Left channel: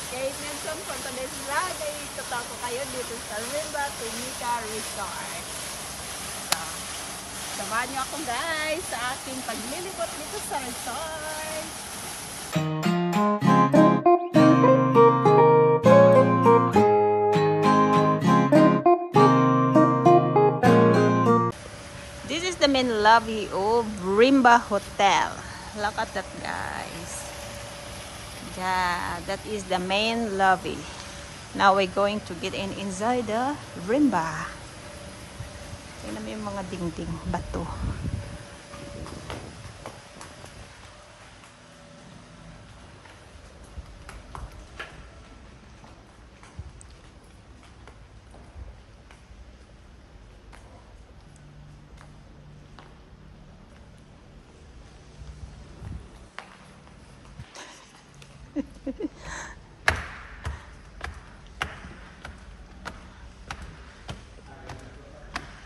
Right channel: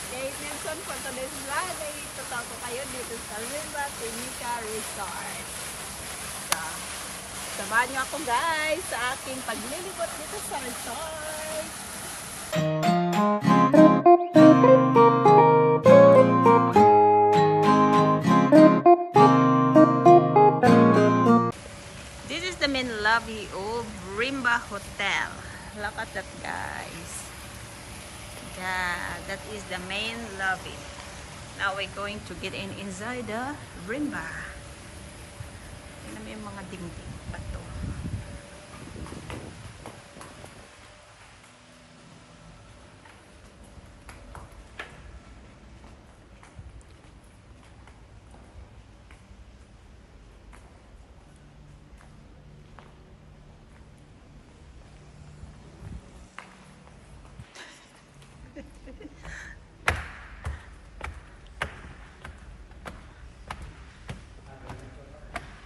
is Kate Nelson for today's vlog. Ay tutako kayo dito sa Rimba Timika Resort. So, samahan nyo ako guys sa aking paglilibot dito sa resort. This is the main lobby of Rimba Hotel. Look at that guys. Yeah, that is the main lobby. Now we're going to get inside the Rimba. Tingnan mo yung mga dingding, bato.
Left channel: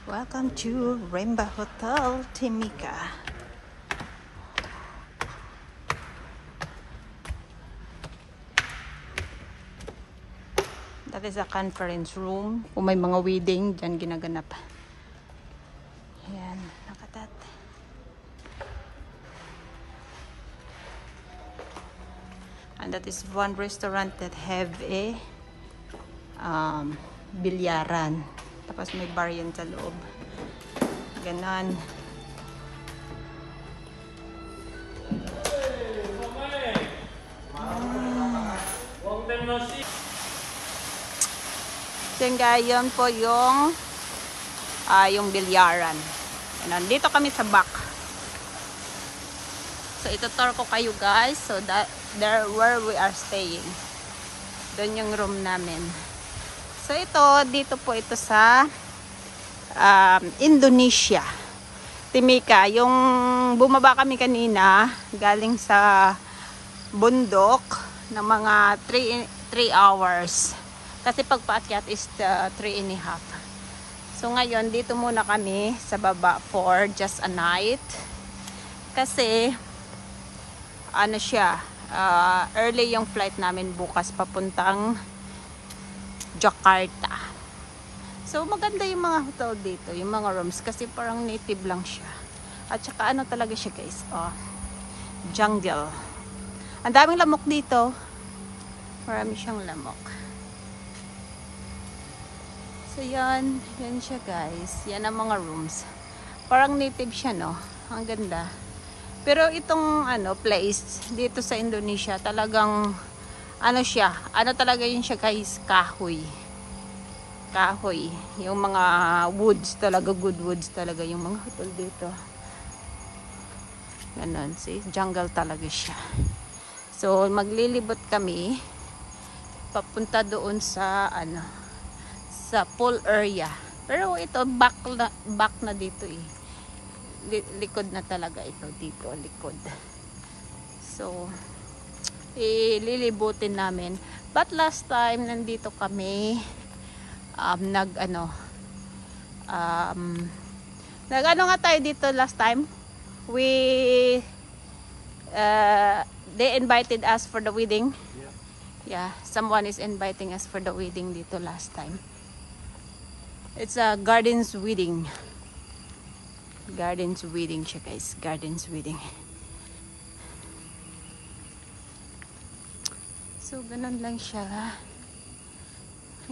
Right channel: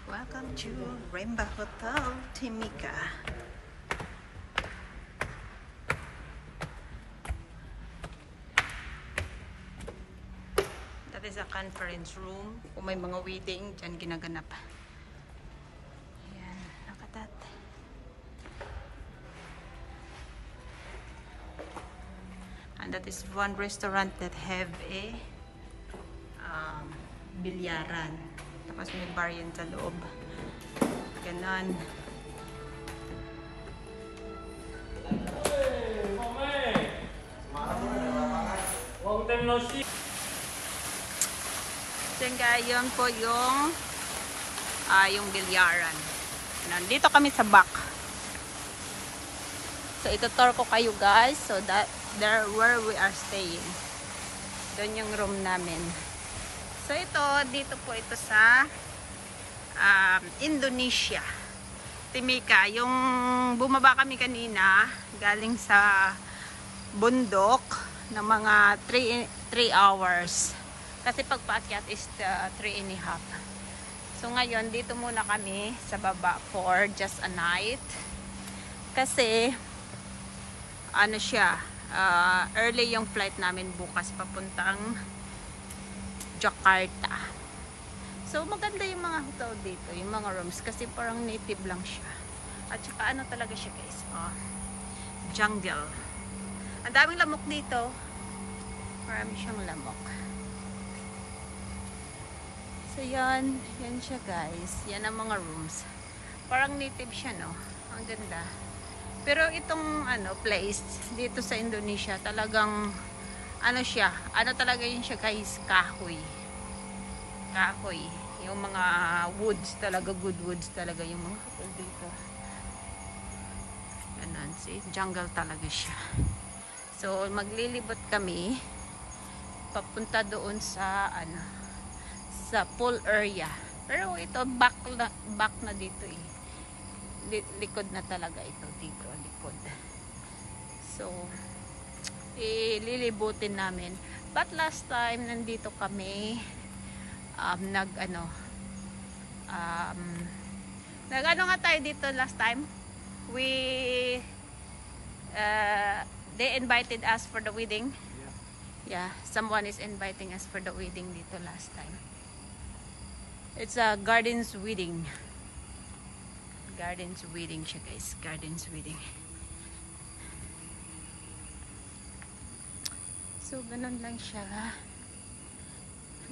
Welcome to Rimba Hotel Timika. That is a conference room. Kung may mga wedding, dyan ginaganap. Ayan, nakatat. And that is one restaurant that have a bilyaran. Tapos may bar yan sa loob. Ganon. Yun guys, yun po yung bilyaran. Nandito kami sa back. So itutour ko kayo guys. So that there where we are staying. Doon yung room namin. So ito, dito po ito sa Indonesia. Timika. Yung bumaba kami kanina, galing sa bundok na mga 3 hours. Kasi pagpaakyat is 3.5. So ngayon, dito muna kami sa baba for just a night. Kasi, ano siya, early yung flight namin bukas papuntang Jakarta. So maganda yung mga hotel dito, yung mga rooms kasi parang native lang siya. At saka ano talaga siya guys, jungle. Ang daming lamok dito. Marami siyang lamok. So yan siya guys. Yan ang mga rooms. Parang native siya no. Ang ganda. Pero itong place dito sa Indonesia talagang siya, talaga yun siya guys, kahoy. Kahoy. Yung mga woods talaga, good woods talaga yung mga hotel dito. Ganun, see? Jungle talaga siya. So, maglilibot kami papunta doon sa, sa pool area. Pero ito, back na dito eh. Likod na talaga ito dito, likod. So, ililibutin namin. But last time nandito kami nga tayo dito last time. They invited us for the wedding. Yeah, someone is inviting us for the wedding dito last time. It's a gardens wedding. Gardens wedding siya guys, gardens wedding. So, ganun lang siya.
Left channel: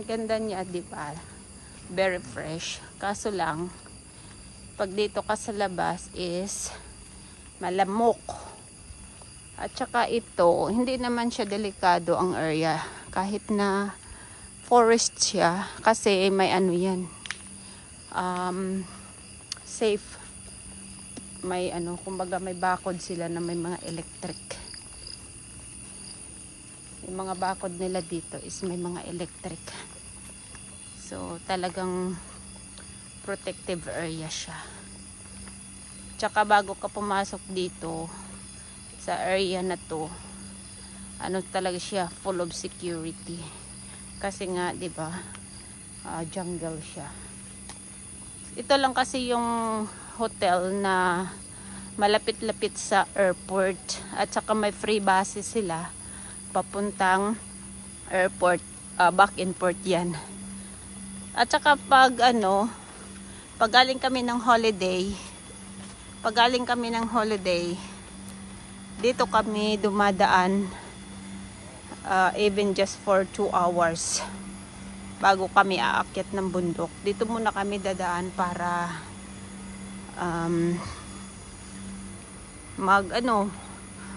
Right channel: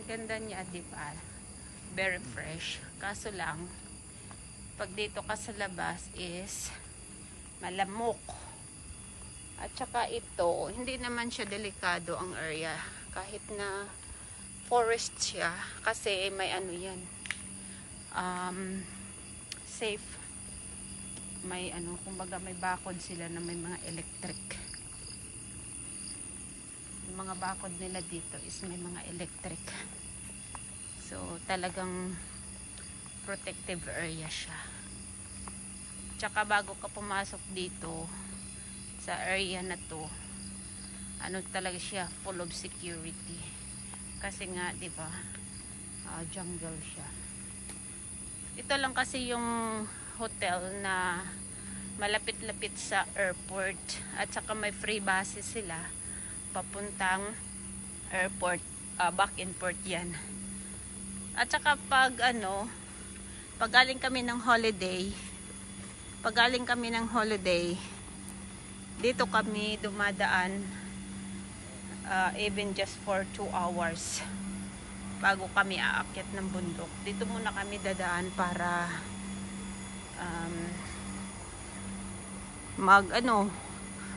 Ganda niya, di ba? Very fresh. Kaso lang, pag dito ka sa labas is malamok. At saka ito, hindi naman siya delikado ang area. Kahit na forest siya. Kasi may yan. Safe. May kumbaga may bakod sila na may mga electric. Yung mga bakod nila dito is may mga electric. So, talagang protective area siya. Tsaka bago ka pumasok dito sa area na to, talaga siya, full of security. Kasi nga, di ba, jungle siya. Ito lang kasi yung hotel na malapit-lapit sa airport at saka may free buses sila papuntang airport, back in port yan. At saka pag galing kami ng holiday, dito kami dumadaan, even just for 2 hours bago kami aakyat ng bundok. Dito muna kami dadaan para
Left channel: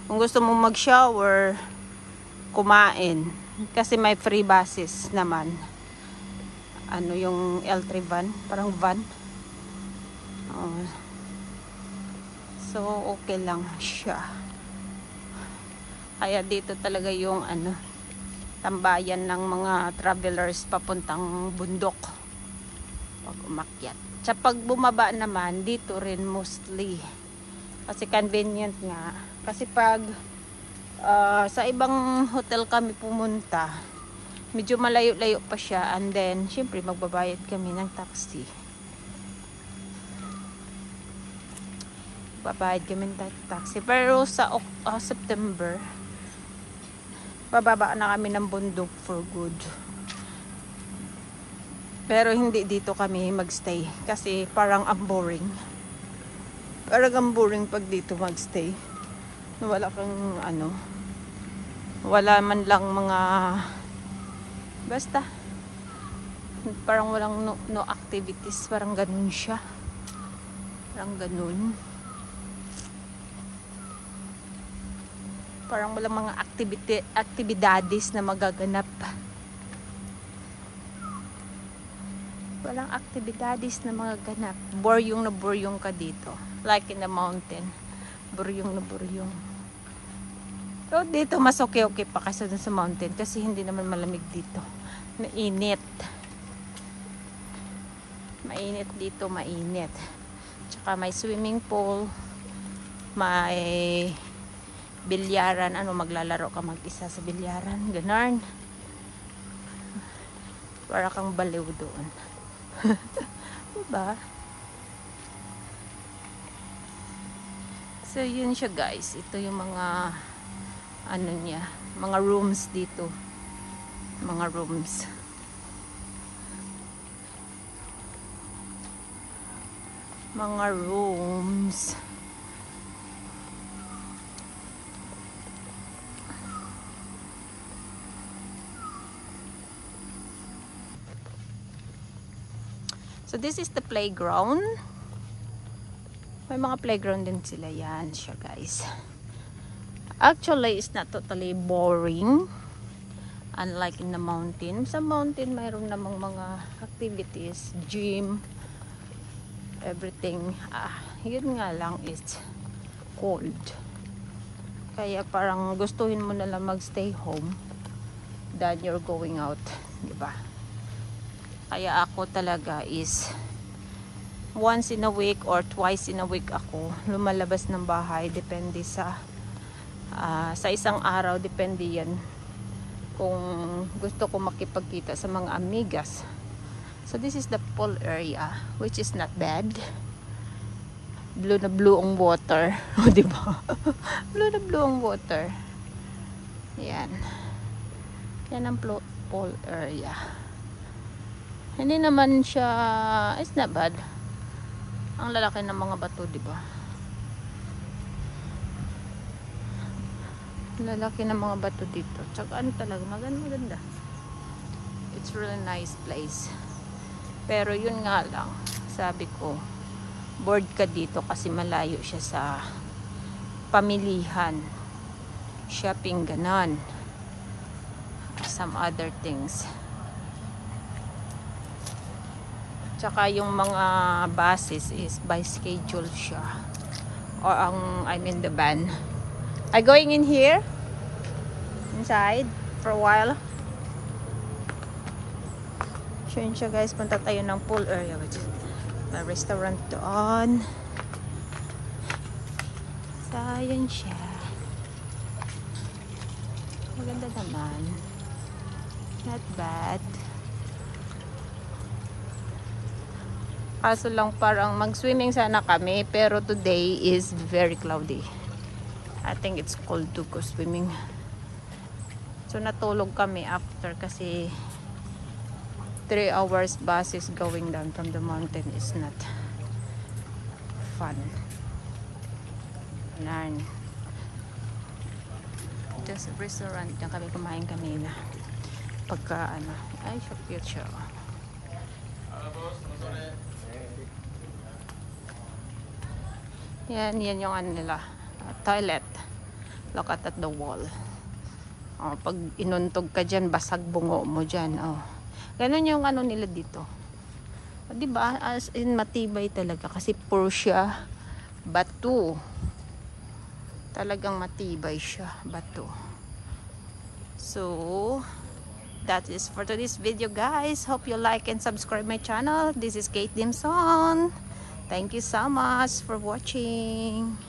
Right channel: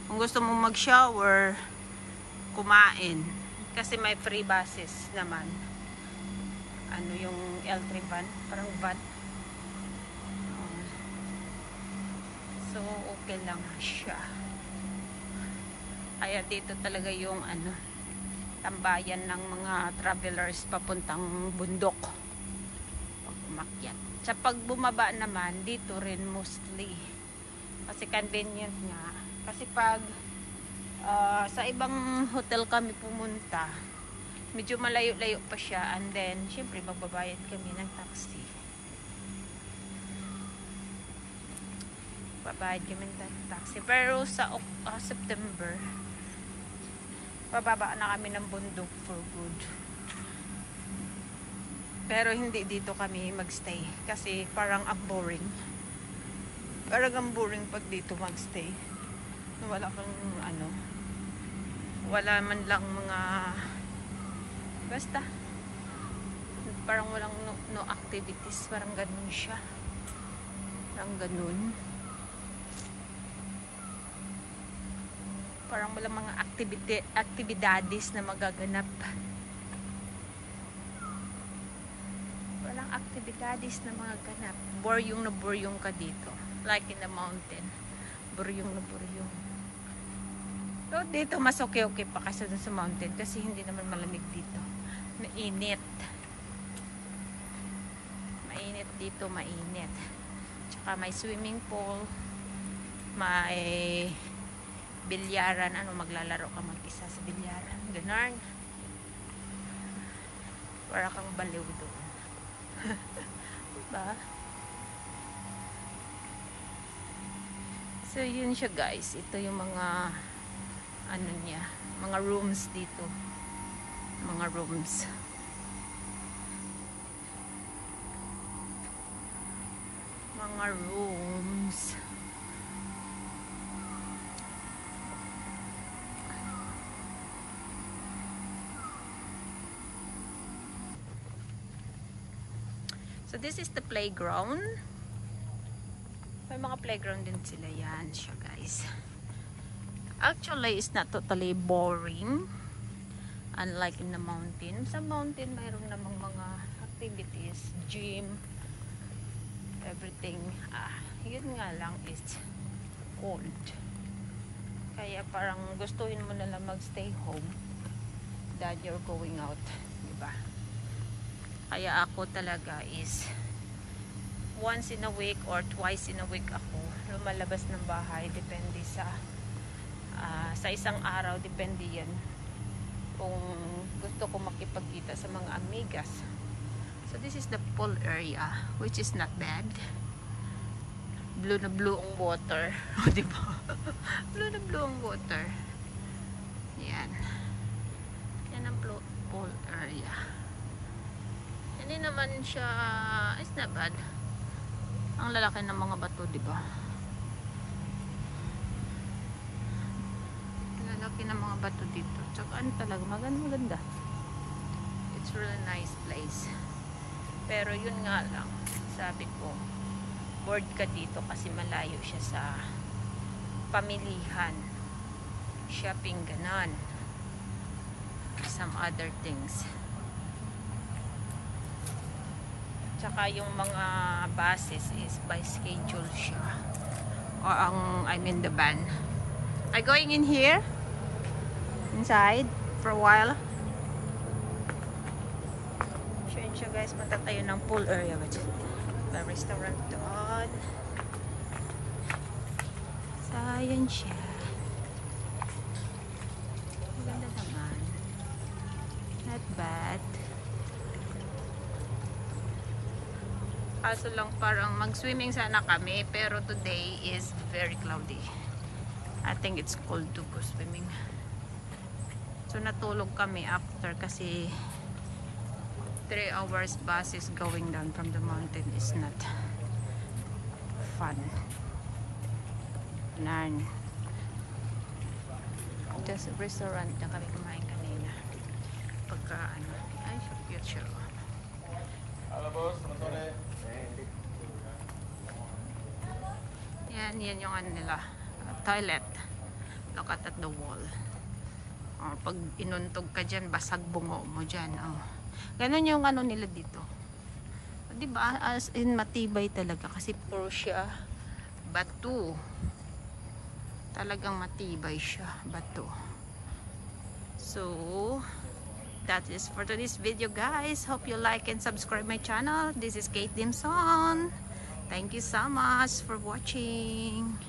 kung gusto mo mag-shower, kumain, kasi may free buses naman. Yung L3 van, parang van. So okay lang siya. Kaya dito talaga yung tambayan ng mga travelers papuntang bundok pag umakyat. Sa pag bumaba naman, dito rin mostly. Kasi convenient nga. Kasi pag sa ibang hotel kami pumunta, medyo malayo-layo pa siya. And then, syempre, magbabayad kami ng taxi. Babayad kami ng taxi. Pero sa September, bababa na kami ng bundok for good. Pero hindi dito kami magstay. Kasi parang ang boring. Parang ang boring pag dito magstay. Wala kang wala man lang mga basta parang walang no activities, parang ganun siya, parang ganun, parang walang mga actividades na magaganap, walang actividades na magaganap. Boryong na boryong ka dito, like in the mountain, boryong na boryong. So dito mas okay pa kasi dun sa mountain, kasi hindi naman malamig dito. Mainit. Mainit dito, mainit. Tsaka may swimming pool, may bilyaran, maglalaro ka mag-isa sa bilyaran, ganun. Para kang baliw doon. Diba? So yun siya guys, ito yung mga mga rooms dito, mga rooms. So this is the playground. May mga playground din sila, yan siya guys. Actually, it's not totally boring. Unlike in the mountain. Sa mountain, mayroon namang mga activities, gym, everything. Yun nga lang, it's cold. Kaya parang gustuhin mo na lang magstay home than you're going out. Diba? Kaya ako talaga is once in a week or twice in a week ako lumalabas ng bahay. Depende sa isang araw, depende yan kung gusto ko makipagkita sa mga amigas. So this is the pool area, which is not bad. Blue na blue ang water. O diba? Blue na blue ang water. Yan. Yan ang pool area. Hindi naman siya, it's not bad. Ang lalaki ng mga bato, diba? Lalaki ng mga bato dito. Tsaka talaga, maganda. It's really nice place. Pero yun nga lang, sabi ko, bored ka dito kasi malayo siya sa pamilihan, shopping, ganon, some other things. Tsaka yung mga buses is by schedule siya, or the van. Are going in here inside for a while. So yun siya guys, punta tayo ng pool area, which may restaurant doon. So yun siya, maganda naman, not bad. Kaso lang parang mag-swimming sana kami, pero today is very cloudy. I think it's cold to go swimming. So natulog kami after kasi 3 hours bus is going down from the mountain is not fun. Just a restaurant na kami kumain kanina. Pagka ano, ay so cute siya. Yan yung ano nila, toilet. Look at the wall. Oh, pag inuntog ka dyan, basag bungo mo dyan. Oh. Ganun yung ano nila dito. Diba? As in matibay talaga kasi pure siya bato. Talagang matibay siya bato. So that is for today's video, guys. Hope you like and subscribe my channel. This is Kate Dimson. Thank you so much for watching.